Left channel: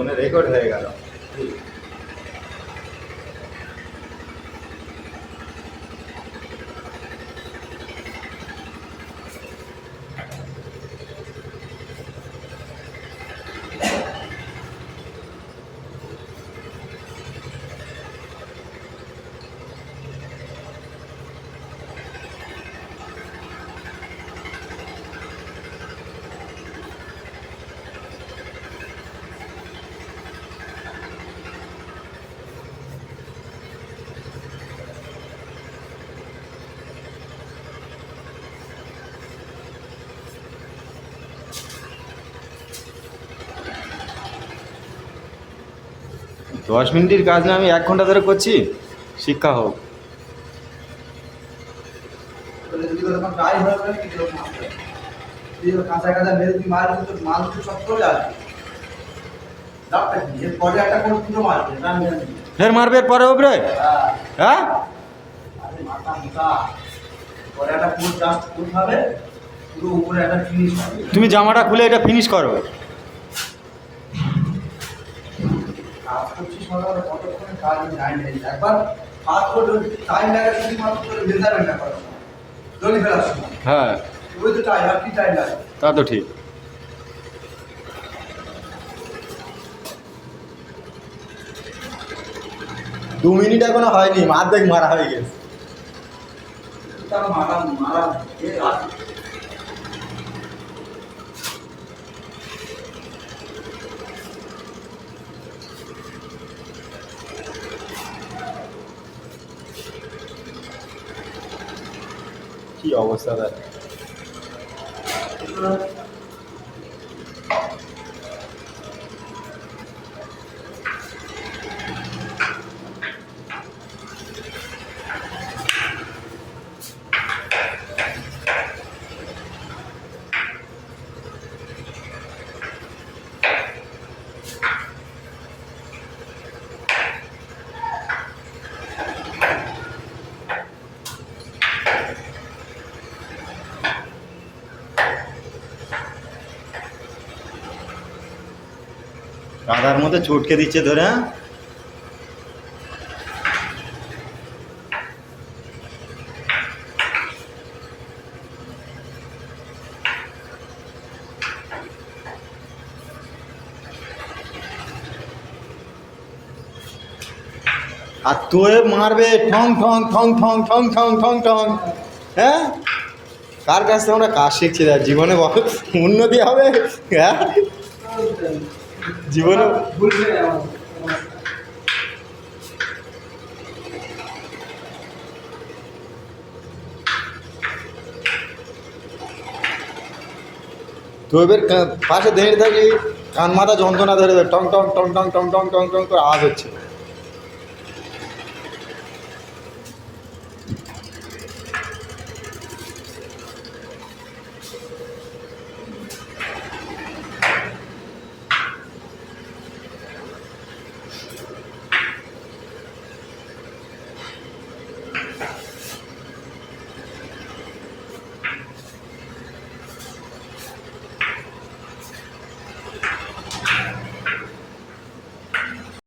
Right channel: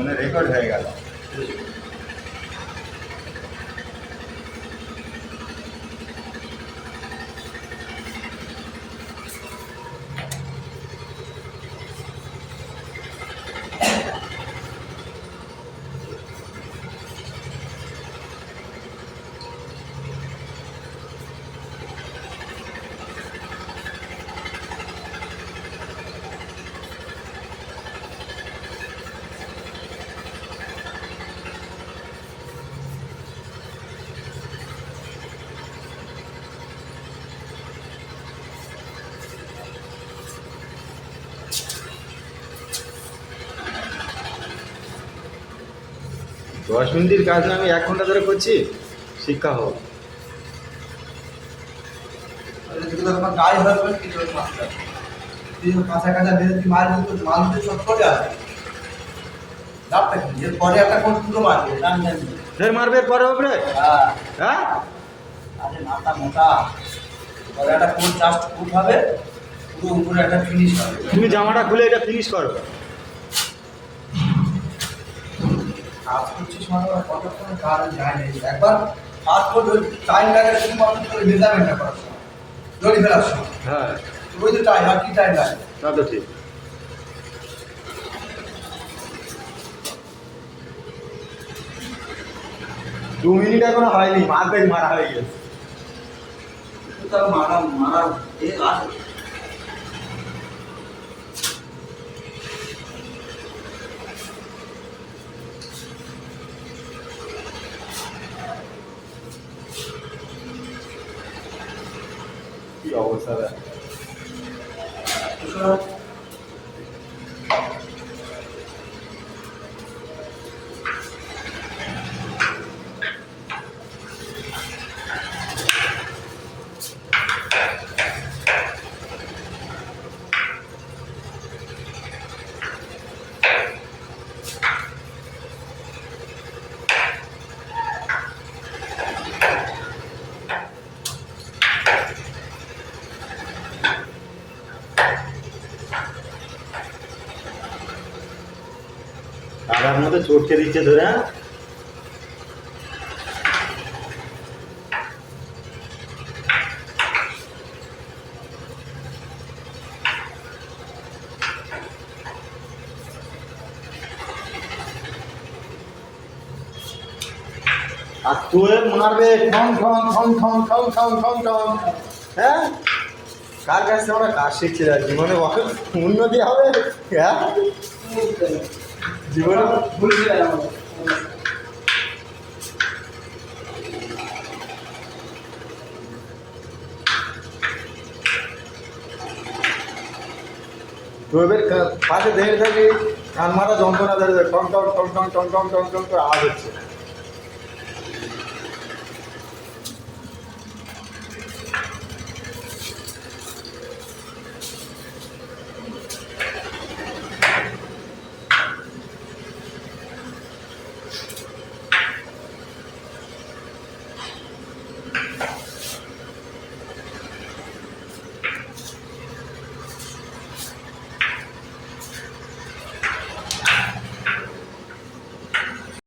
ফোনে রেকর্ড হয়ে গেল। দশ মিনিটের কাজ না আমি 1 ঘন্টা ধরে করছি। শিক্ষা হোক। কাঁচা কাঁচা মেরে তুই মাল দিতে মাল দিতে সব চলে আসবে। ডাবটা কি এরপরে একটা কোন দুটো মারবে ফের মারবে পরে উপরে। হ্যাঁ আরে মাথা মোটা পরে একটা কোন জাস্ট কোন হবে পুরো উপরে একটা ফিনিশ হবে। তুমি জামাটা খুলে এটা ফিনিশ করো। কাজ করছিস মানে কতক্ষণ কাজ যায় না একবার কাজ করলে টাইম লাগে শুধুমাত্র তোর মেজারমেন্টটা করার সময় দড়ি ফেলার সময়। হ্যাঁ ওই তো টাইম আর কি টাইম লাগে। তা তো ঠিক। দু মিনিট এখনো হয়নি, অর্ধেক মারা হয়ে গেছে। তার মারা মারা এ আছে কি অবস্থা ভাই। কাদার মধ্যে চটকে দিচ্ছে ধরে। হ্যাঁ আর তোয়ে মারবে ঠং ঠং ঠং ঠং ঠং ঠং ঠং ঠং। হ্যাঁ কার কাছ থেকে আমরা কাজ শিখছি না, জীবনে উন্নতি হবে। হ্যাঁ জীবনে ভুলছে তো এবার পাশে দাঁড়িয়ে থাকি, কান মাথা যন্ত্রণা ধরে দেয়, টং টং টং টং টং টং টং টং করে আওয়াজ হচ্ছে।